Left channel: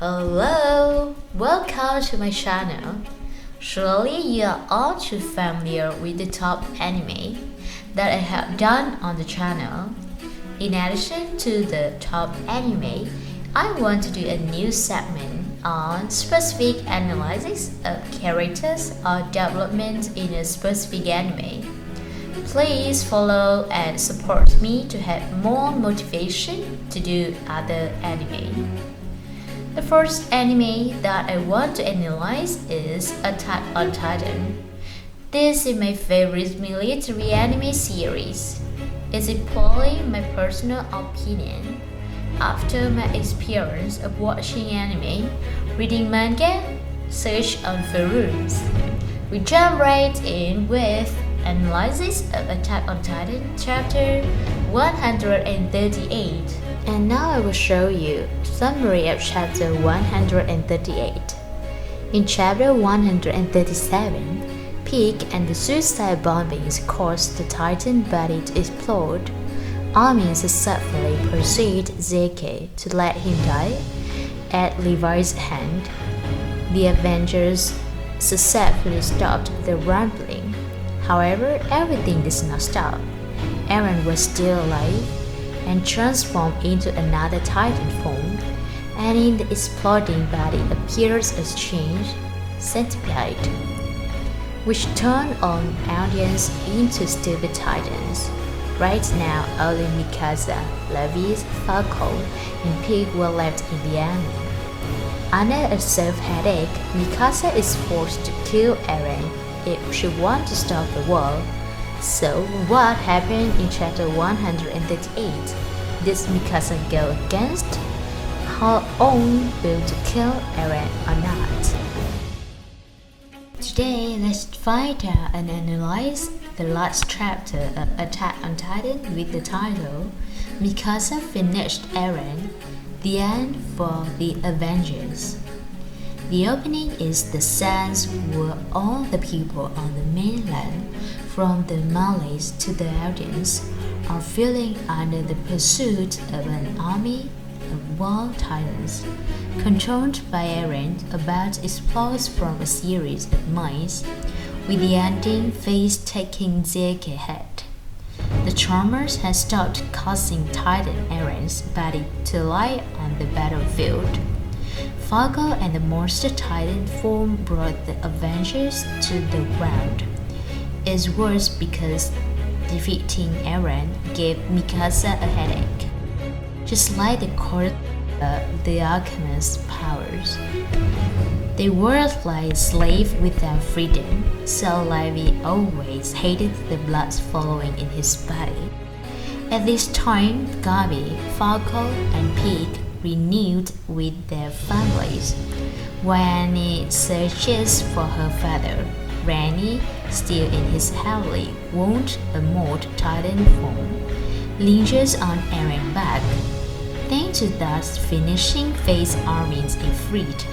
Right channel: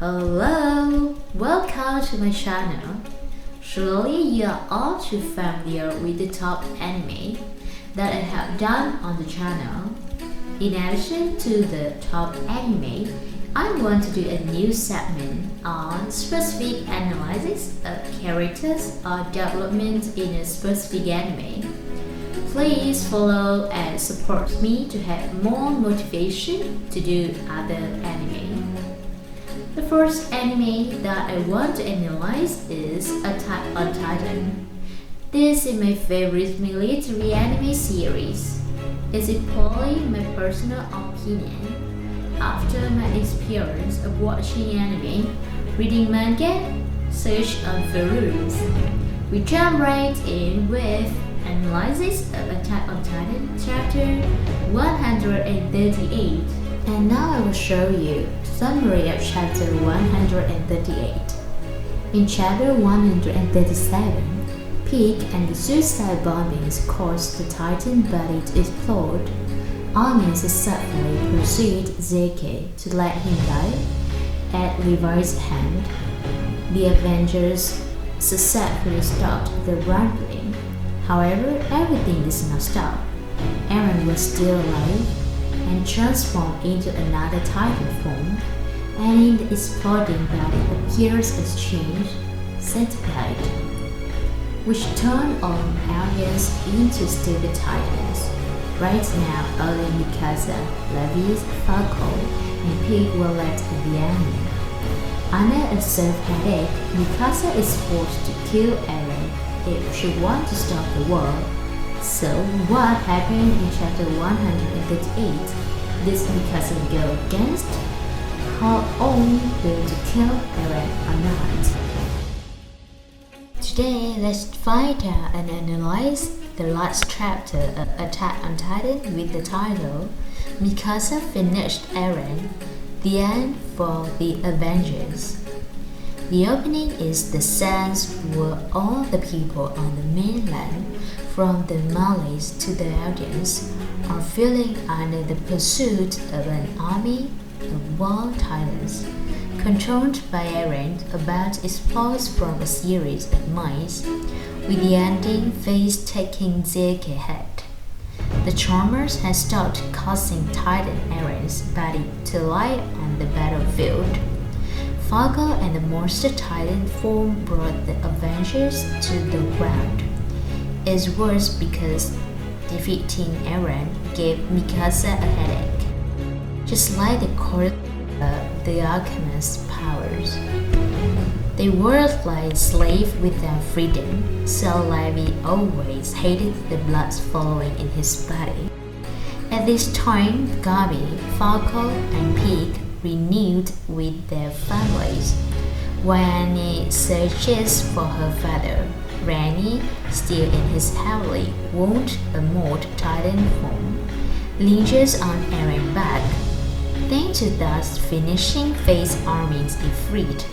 Hello, welcome to my channel. Surely you are all too familiar with the top anime that I have done on the channel. In addition to the top anime, I want to do a new segment on specific analysis of characters or development in a specific anime. Please follow and support me to have more motivation to do other anime. The first anime that I want to analyze is Attack on Titan. This is my favorite military anime series. Is it purely my personal opinion? After my experience of watching anime, reading manga, search on forums, we jump right in with analysis of Attack on Titan chapter 138. And now I will show you summary of chapter 138. In chapter 137, Pig and the suicide bombings caused the Titan body to explode. Armin successfully pursued Zeke to let him die at Levi's hand. The Avengers successfully stopped the rumbling. However, everything did not stop. Eren was still alive and transformed into another Titan form, and in the exploding body appears a changed centipede, which turned on audience into stupid Titans. Right now, only Mikasa, Levi's, Falco, and Pig were left in the anime. Under a self-headache, Mikasa is forced to kill Eren if she wants to stop the war. So, what happened in chapter 138? Did Mikasa go against her own will to kill Eren or not? Today, let's find out and analyze the last chapter of Attack on Titan with the title Mikasa Finished Eren, the End for the Avengers. The opening is the sense where all the people on the mainland, from the Malays to the audience, are feeling under the pursuit of an army of wild titans, controlled by Eren about exploits from a series of mines, with the ending phase taking Zeke's head. The Charmers had stopped causing Titan Eren's body to lie on the battlefield. Falco and the Monster Titan form brought the Avengers to the ground. It's worse because defeating Eren gave Mikasa a headache, just like the court of the alchemist's powers. They were like slaves without freedom, so Levi always hated the blood flowing in his body. At this time, Gabi, Falco, and Pig renewed with their families. While Annie searches for her father, Ranny, still in his heavily wounded Immortal Titan form, lingers on Eren's back. Thanks to thus finishing phase Armin's Ifrit,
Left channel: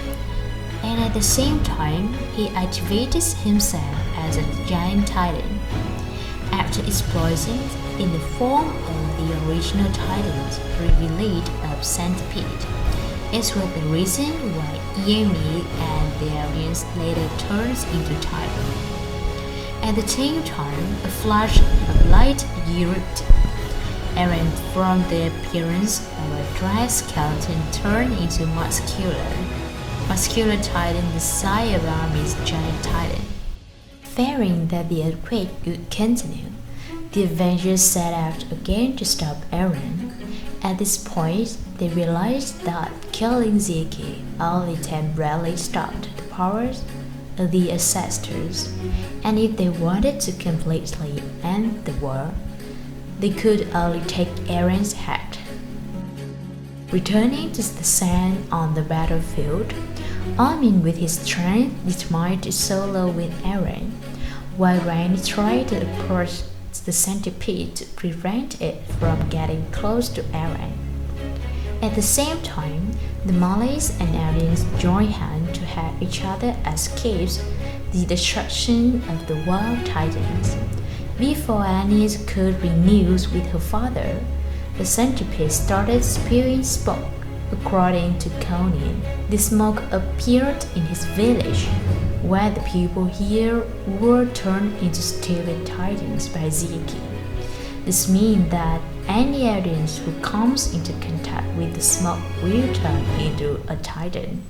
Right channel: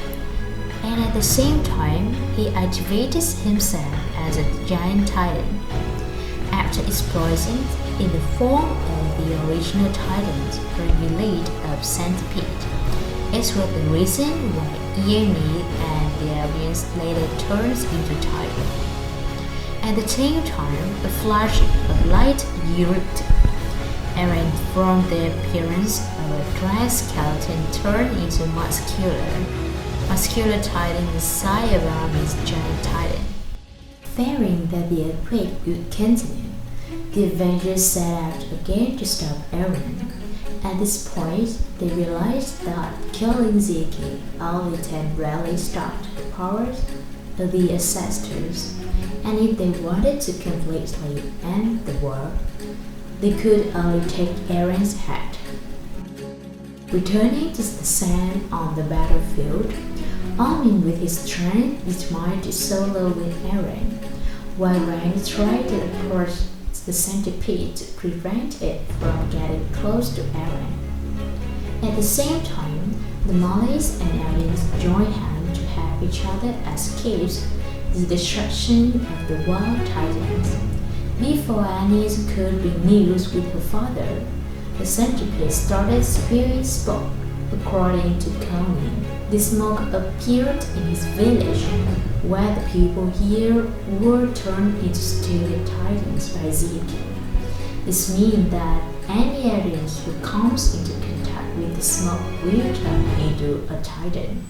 and at the same time he activates himself as a giant Titan. After exploding in the form of the original Titans revealed of Centipede, it was the reason why Yemi and the audience later turns into Titan. At the same time, a flash of light erupted. Eren, from the appearance of a dry skeleton, turned into muscular Titan the size of Armin's giant Titan. Fearing that the earthquake would continue, the Avengers set out again to stop Eren. At this point, they realized that killing Zeke only temporarily stopped the powers of the ancestors, and if they wanted to completely end the war, they could only take Eren's head. Returning to the sand on the battlefield, Armin with his strength determined to solo with Eren, while Randy tried to approach the centipede to prevent it from getting close to Eren. At the same time, the Malays and aliens join hands to help each other escape the destruction of the wild titans. Before Annie could renew with her father, the centipede started spewing smoke, according to Conan. The smoke appeared in his village, where the people here were turned into stupid titans by Zeki. This means that any audience who comes into contact with the smoke will turn into a titan.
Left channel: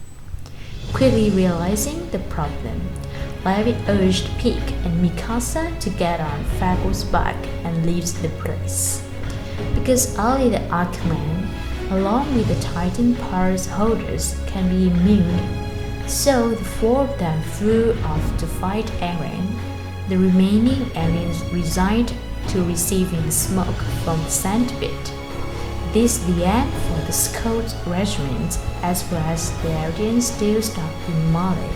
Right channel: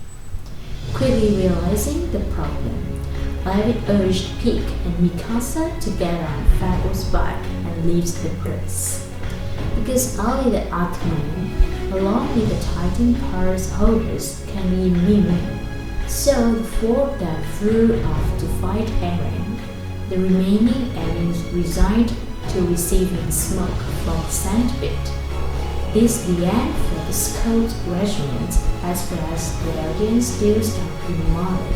Quickly realizing the problem, Levi urged Pig and Mikasa to get on Fable's back and leave the place. Because only the Archman, along with the Titan powers holders, can be immune, so the four of them flew off to fight Eren. The remaining aliens resigned to receiving smoke from the Sandpit. This is the end for the Scout Regiment, as well as the audience still stuck in Mali.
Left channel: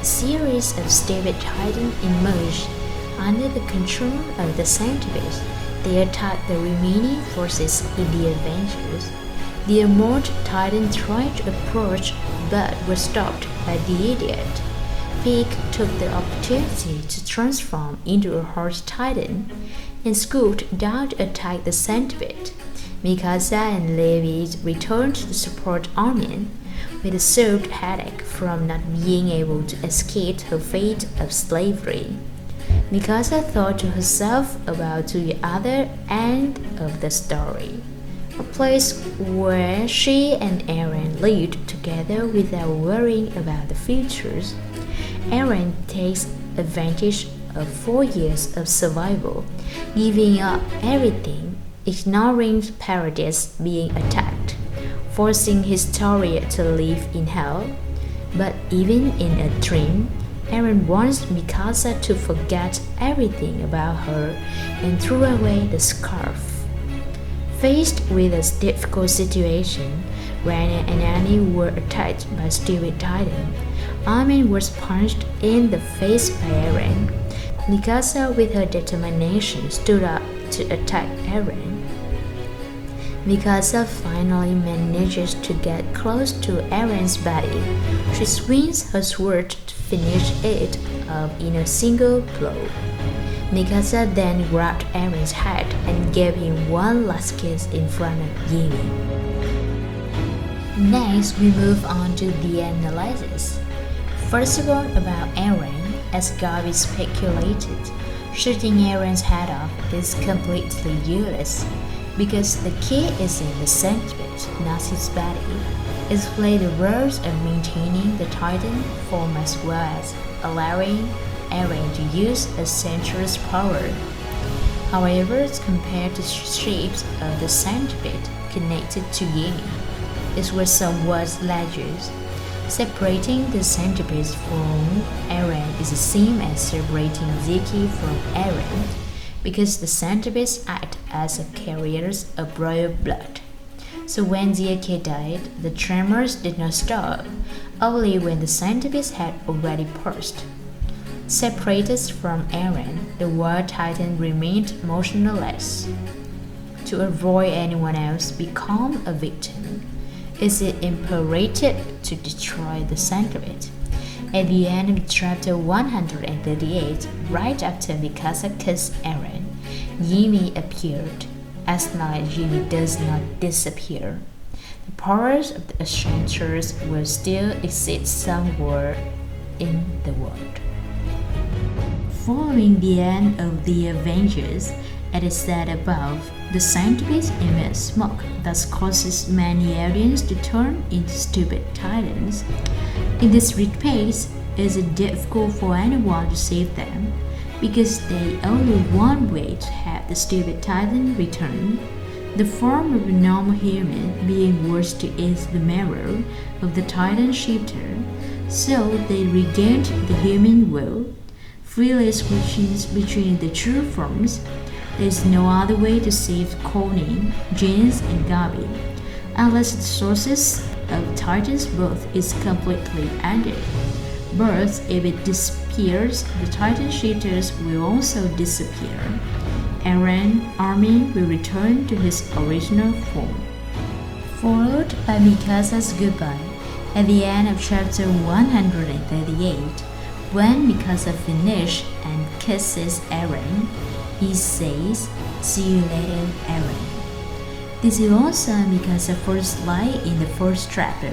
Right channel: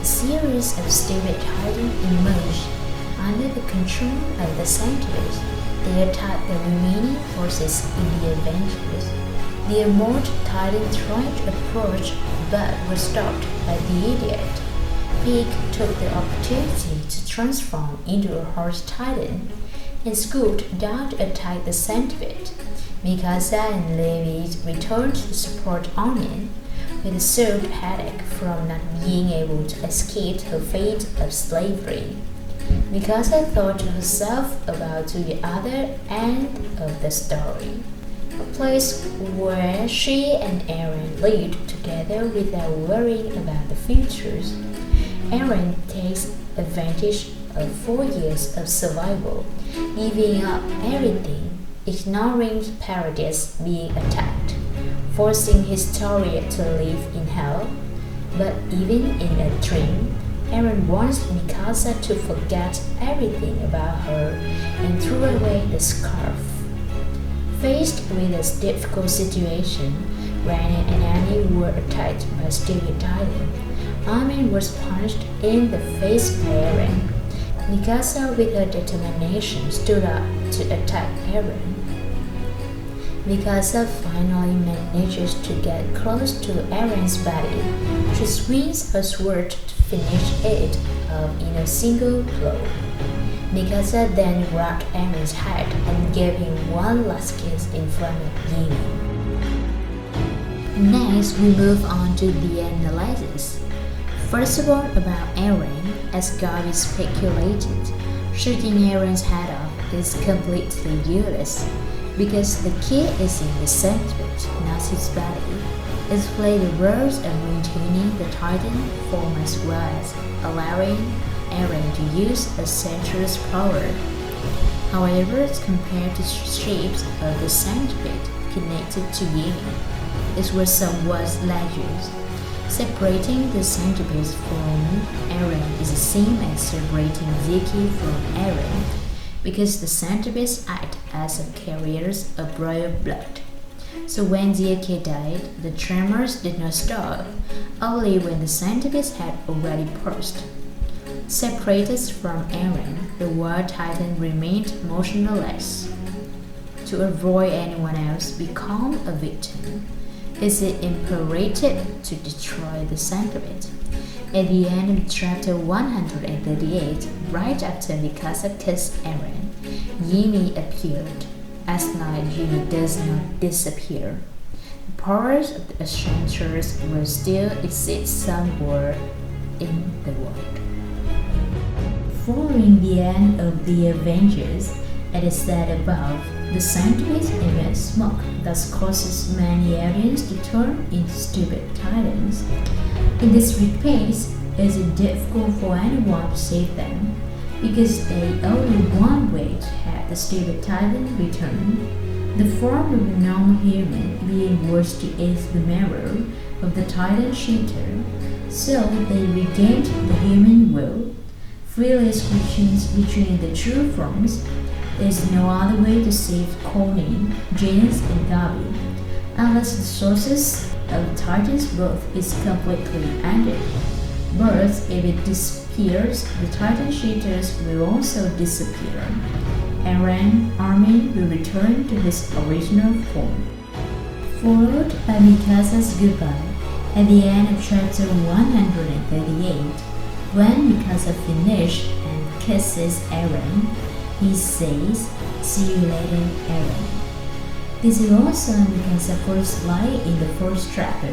A series of stupid titans emerged under the control of the Sandpit. They attacked the remaining forces in the Avengers. The armored titan tried to approach but was stopped by the idiot. Pig took the opportunity to transform into a horse titan and scooped down to attack the Sandpit. Mikasa and Levi returned to support Onion with a served headache from not being able to escape her fate of slavery. Mikasa thought to herself about to the other end of the story, a place where she and Eren lived together without worrying about the futures. Eren takes advantage of 4 years of survival, giving up everything, ignoring Paradise being attacked, forcing Historia to live in hell. But even in a dream, Eren wants Mikasa to forget everything about her and throw away the scarf. Faced with a difficult situation, Rania and Annie were attacked by stupid Titan. Armin was punched in the face by Eren. Mikasa, with her determination, stood up to attack Eren. Mikasa finally manages to get close to Eren's body. She swings her sword to finish it off in a single blow. Mikasa then grabbed Eren's head and gave him one last kiss in front of Yimi. Next, we move on to the analysis. First of all, about Eren, as Gabi speculated, shooting Eren's head off is completely useless, because the key is in the Sandpit, not his body. It plays the roles of maintaining the Titan form as well as allowing Eren to use a sensuous power. However, compared to shapes of the Sandpit connected to Yimi, it was somewhat larger. Separating the Sandpit's from Eren is the same as separating Zeki from Eren, because the Sandpits act as a carriers of royal blood. So when Zeki died, the tremors did not stop, only when the Sandpits had already burst. Separated from Eren, the War Titan remained motionless. To avoid anyone else become a victim, is it imperative to destroy the Sandpit? At the end of chapter 138, right after Mikasa kissed Eren, Yimi appeared. As night, Yimi does not disappear. The powers of the Enchantress will still exist somewhere in the world. Following the end of the Avengers, as is said above, the Sandpit emits smoke, thus causes many aliens to turn into stupid titans. In this pace, it is difficult for anyone to save them, because they only one way to have the stupid titan return. The form of a normal human being was to eat the marrow of the titan shifter, so they regained the human will. Freely switching between the true forms, there is no other way to save Conan, James, and Gabi, unless the sources of Titan's birth is completely ended. But if it disappears, the Titan shifters will also disappear. Eren, Armin will return to his original form. Followed by Mikasa's goodbye at the end of chapter 138, when Mikasa finishes and kisses Eren, he says, "See you later, Eren." This is also Mikasa's first line in the first chapter.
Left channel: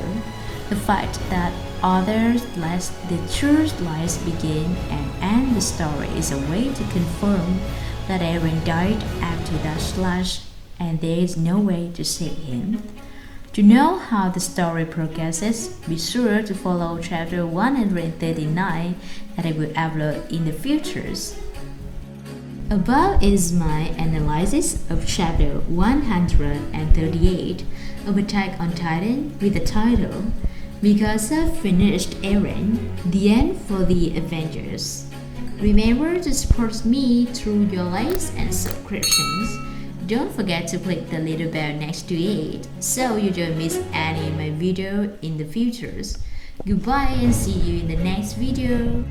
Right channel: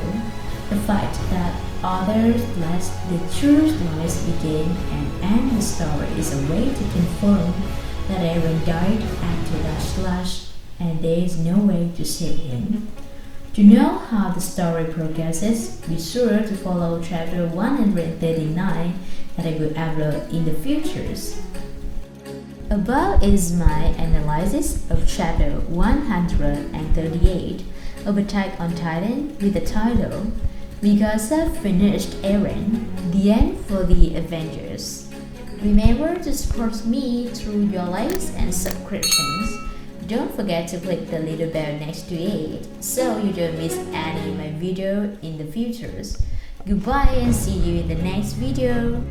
The fact that others let the true lies begin and end the story is a way to confirm that Eren died after that slash and there is no way to save him. To know how the story progresses, be sure to follow chapter 139 that I will upload in the futures. Above is my analysis of chapter 138 of Attack on Titan with the title Mikasa Finished Eren, the End for the Avengers. Remember to support me through your likes and subscriptions. Don't forget to click the little bell next to it so you don't miss any of my video in the futures. Goodbye and see you in the next video.